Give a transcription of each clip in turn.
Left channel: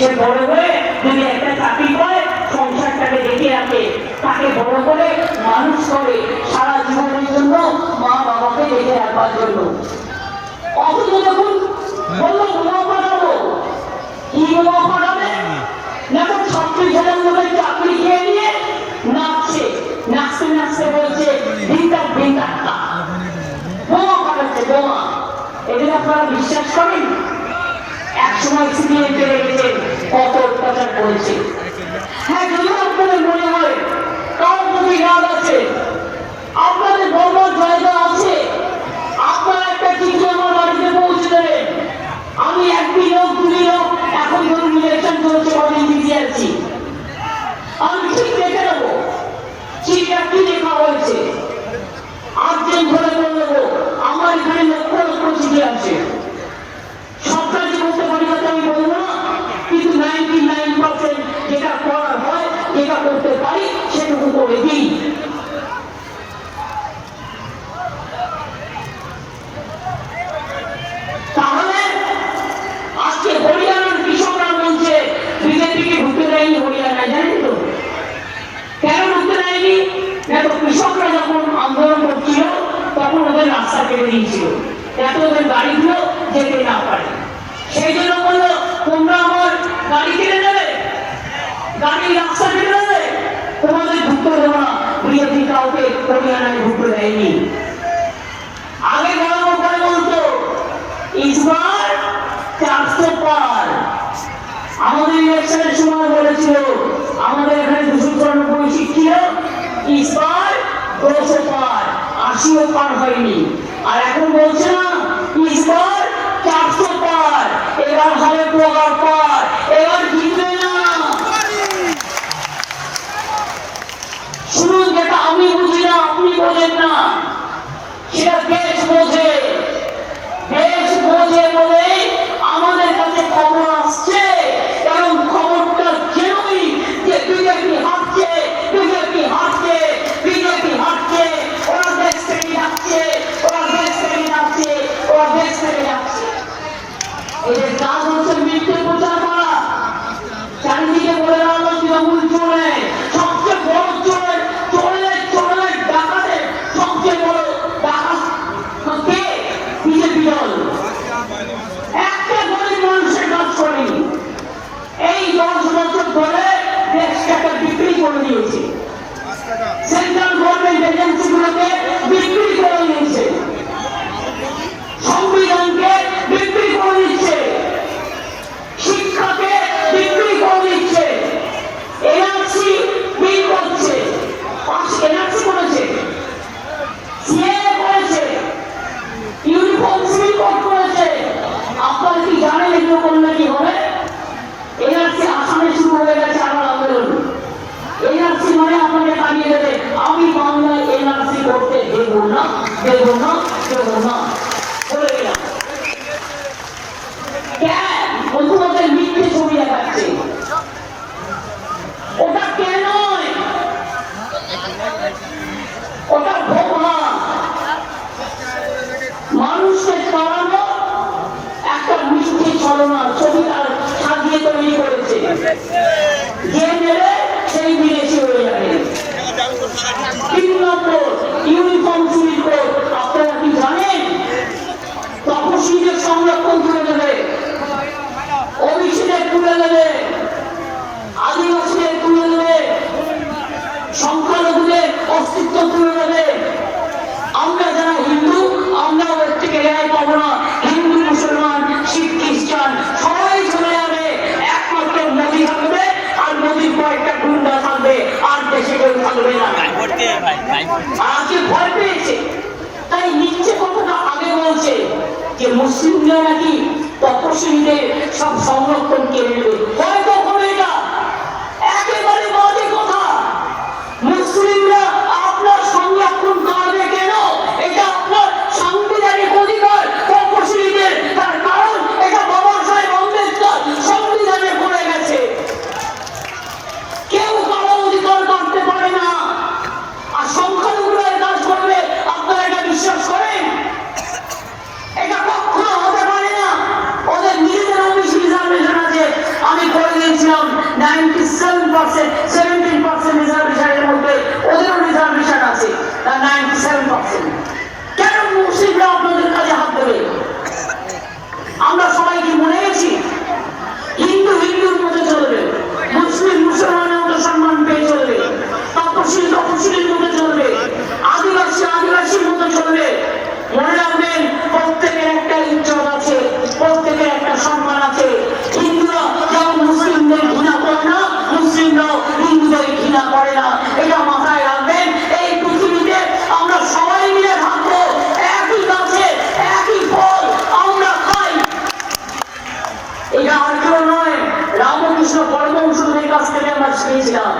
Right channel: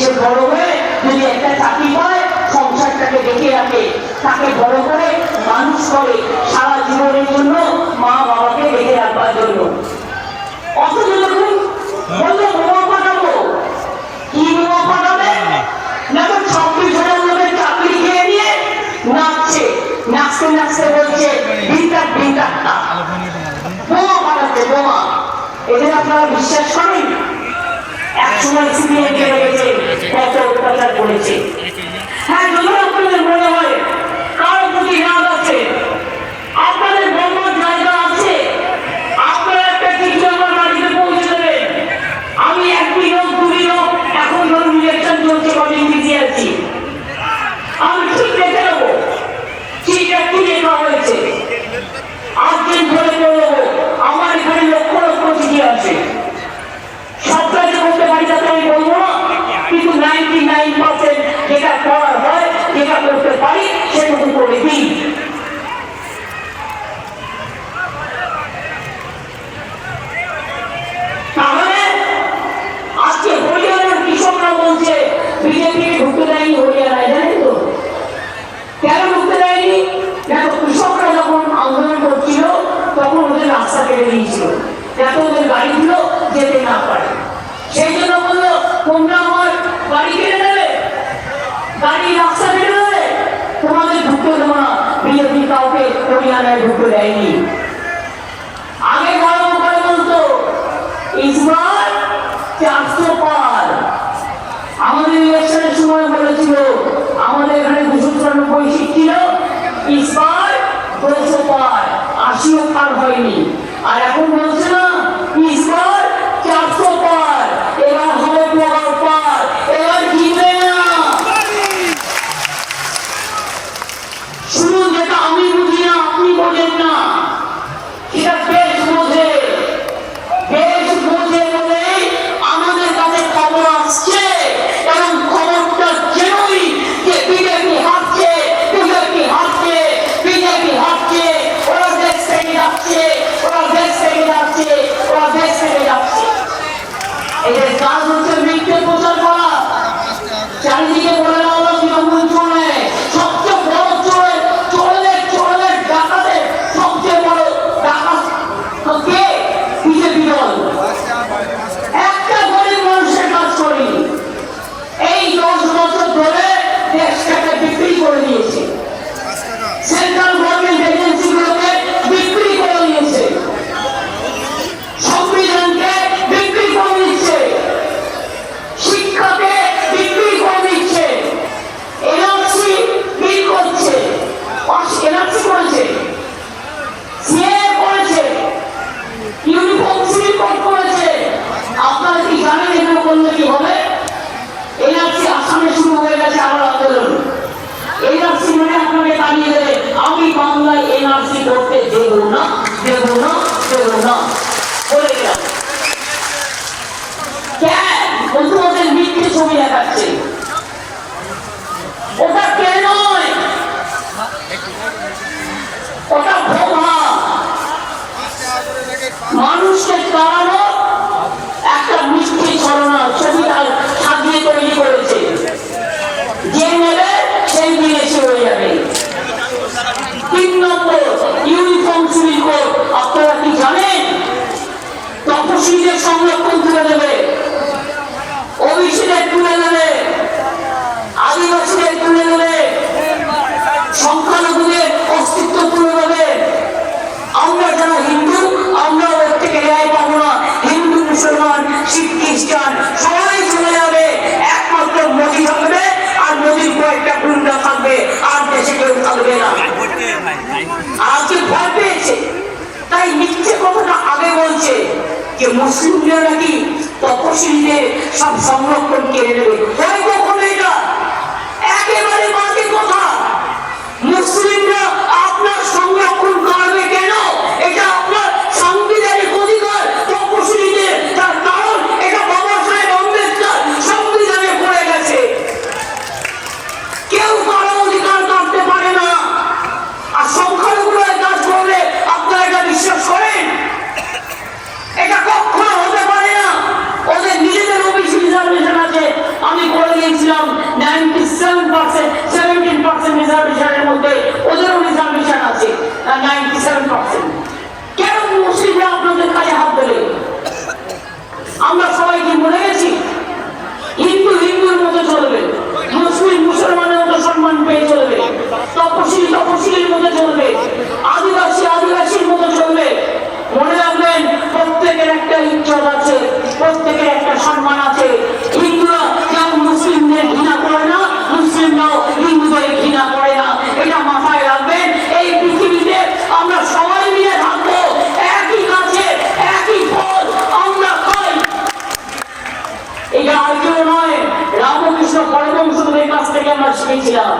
সে বড় হয়ে যদি একটা চাকরি পায়, সংসারটাকে দেখে রাখে, তাকে বড় করে মানুষ করে সারা জীবনের জন্য মা বাবাকে দেখে রাখবার জন্য। অথচ দেখুন বললো বোমা পাঠাবো, কি বোমা পাঠাবে না, তো 26,000 লোকের চাকরি খেয়ে নিয়ে নাচছে, নাচতে নাচতে বলছে ভিন্দাক ভিন্দাক না, বোমা পাঠাচ্ছে বোমা। এদের আপনারা বিশ্বাস করেন? একসময় সিরিয়াল লেগেছে, কত অত্যাচার করেছে। হ্যাঁ, যদি আপনাদের মনে হয় কার প্রতি রাগ আছে, আপনাদের বড় জায়গা আছে, আপনারা একটা কিছু আমার বাড়িতে পৌঁছে দেবেন। আমি 1 মিনিট 2 মিনিট, এখন ধরুন ইলেকশন চলছে, অনেক বিজি আছি, আমি ঠিক দেখে নেবো চিঠিটা কি লেখা হয়েছে, আজকে ধরে করে দেবো। আমার এখানে লক্ষ লক্ষ চিঠি আছে, সবটা যে করতে পারি তাতে আমি বলবো না, কিন্তু 99% যেটা করার হয়, যেটা করতে পারি সেটুকু করে দিই। তাহলে আজকে হরিয়ানার কৃষকরা বলছে বিজেপিকে ঢুকতে দেয়নি হরিয়ানায়, জানেন তো কেন ঢুকতে দেয়নি? দেখো, কৃষকরা যখন আন্দোলন করছিল তখন ওদের রাস্তা কেটে দিয়েছিল, যাতে ওদের গাড়িগুলো যেতে না পারে। সেই জন্য বললো তোমরা আমার গাড়ি কিনে নেবে, গাড়ি রাস্তা কেটে দেবে, তোমাদের ঢুকতে দেবো না। বিজেপি কাউকে হরিয়ানায় ঢুকতে দেয়নি। আগে গরম করে বলতো ইসবার 400 পার। আমাদের ইলেকশনের সময় বলেছিল আমাদের এখানে 294 সিট ছিল, ইসবার 200 পার, 80ও পার হয়নি। আর এখন বলছে না ইসবার 400 পার, এবার হবে প্রকার পার, এবার জিতবে না। শুনুন, যেটা আমি বুঝি না আপনি বোঝেন না, সেটা বেশ বোঝে, বেশ বোঝে বলেই আমাদের কাছে খবর আসছে, এবং খবরটা যেনই যে বিজেপি হারছে, বিজেপি হারছে, বিজেপি হারছে, ওরা দেশ থেকে যাচ্ছে, ওরা দেশ থেকে যাচ্ছে, ওরা দেশ থেকে যাচ্ছে। এদের কাজ হচ্ছে মিথ্যে প্রচার করা, চারিদিকে বলে দেওয়া তৃণমূল চলে, সবচেয়ে বড় চোরের চোরের ডাকাতের সবচেয়ে বড় ডাকাত কে? বিজেপি দল। একটা গরিব মানুষের কাজ করেনি, এই 10 বছর ধরে দেশটাকে বিক্রি করে দিয়েছে, সেন্ট্রাল গভর্নমেন্ট এজেন্সিগুলোকে বিক্রি করে দিয়েছে, সংবিধানকে বিক্রি করে দিচ্ছে, শিক্ষাকে বিক্রি করে দিচ্ছে, এনআরসি বিল করছে, এনআরসি করেছে, সিএ করেছে, ইউনিফর্ম সিভিল কোড করেছে। আপনারা কি জানেন এগুলো করলে কি হবে? এনআরসি আসামে শুরু হয়ে গেছে আমার আন্দোলন। এনআরসি মানে আপনাকে দাঁড়িয়ে দেবে, আমি বাংলায় এনআরসি করতে দেব না, দেব না, দেব না বলে গেলাম। কেন? ওদের মিথ্যে ছবি দেখাচ্ছে, ওটা কে নয়, ওটা ভোগা মানুষকে কারানো একটা মিষ্টি ছলনা ছবি সাজিয়ে তৈরি করেছে, যে মেরে সেই বিদেশি হয়ে যাবে। 3 নম্বর ইউনিফর্ম সিভিল কোড। আপনারা কি জানেন তপশিলীদের সংরক্ষণ তুলে দেবে, ওবিসিদের তুলে দেবে, আদিবাসীদের তুলে দেবে, সংখ্যালঘুদের অস্তিত্ব তুলে দেবে। আমরা যারা হিন্দু, আমরা ওর থেকে রেহাই পাবো না। হিন্দু, মুসলমান, শিখ, খ্রিস্টান সবাই চলে যাবে, একমাত্র মোদী থাকবে, আর মোদীর কয়েকটা গুন্ডা থাকবে, আর দেশে কেউ থাকবে না। আজকে ভয় পেয়েছে, তাই মিথ্যে কথাটা আগে বলছে যে মুসলিমরা নাকি তপশিলীদের সব সংরক্ষণ কেড়ে নেবে। এটা একেবারে বাজে কথা। মুসলিমরা আপনার সংরক্ষণ করবে কেন? এটা আপনার সাংবিধানিক অধিকার তপশিলীদের, তার কারণ এটা বাবা সাহেব আম্বেদকর সংবিধানে পড়ে গেছে। কেউ কারো অধিকার করতে পারে না। আর সংখ্যালঘুরা কাজ করবে, আপনারা এটা বিশ্বাস করেন? এটা কখনো হতে পারে না। ওদের নিজেদের ওবিসি রিজার্ভে আর কেউ নয়, রামকৃষ্ণ পরমহংসদের কাছ থেকে আমরা শিখেছিলাম,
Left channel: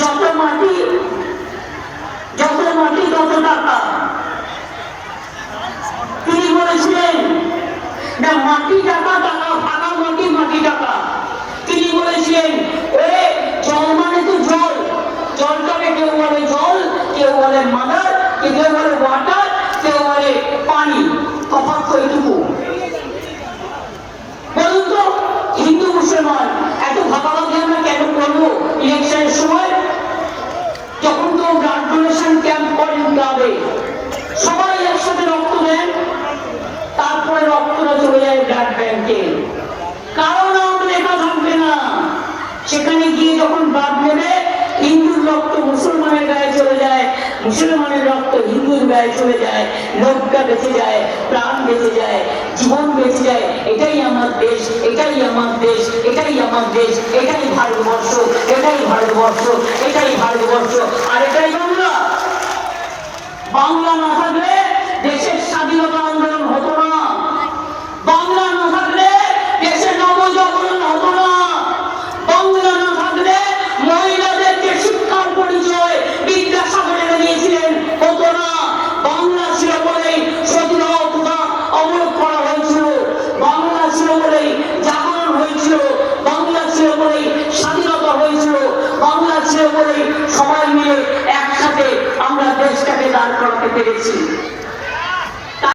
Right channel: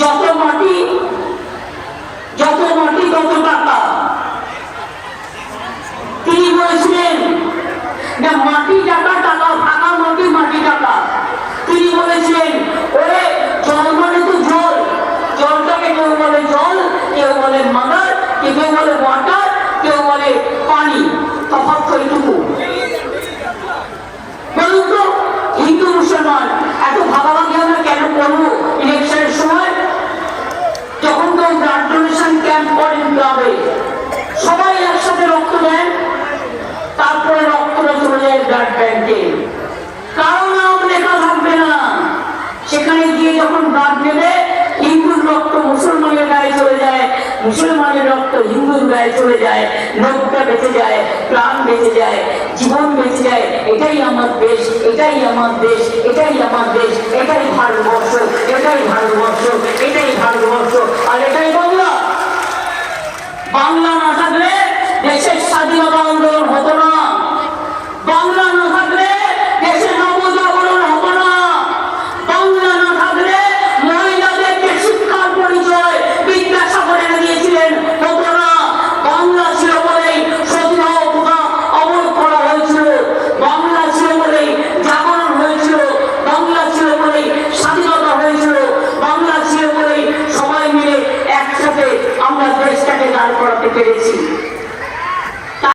যত মাটি তত টাকা। তিনি বলেছিলেন যে মাটি টাকা, টাকা ফাঁকা মাটি, মাটি টাকা। তিনি বলেছিলেন ওরে জল মানে তো জল, জলটাকে কেউ বলে জল, কেউ বলে মাদার, কেউ বলে ওয়াটার, কেউ বলে পানি। তফাৎ তো এইটুকু। বলুন তো হিন্দু মুসলমান এত ভাগাভাগি আমরা কেন করবো ইলেকশনের সময়? যখন কেউ ব্লাড ডোনেশন ক্যাম্প করেন গ্রামে, সবাই একসাথে রক্ত দেন, তারপরে রক্তটা চলে যায় ব্লাড ব্যাংকে। কারো নাম লেখা থাকবে না। সেখানে গিয়ে যখন ব্লাড নেবে, হিন্দুর রক্ত মুসলমানের গায়ে চলে যায়, মুসলমানের রক্ত হিন্দুর গায়ে চলে যায়, লোকটা বেঁচে যায়, প্রাণ বেঁচে যায়, জীবন বেঁচে যায়। এটাই আমার দেশ, এটাই আমার দেশ, এটাই আমার দেশ, এটাই ভারতবর্ষ, এটাই ভারতবর্ষ।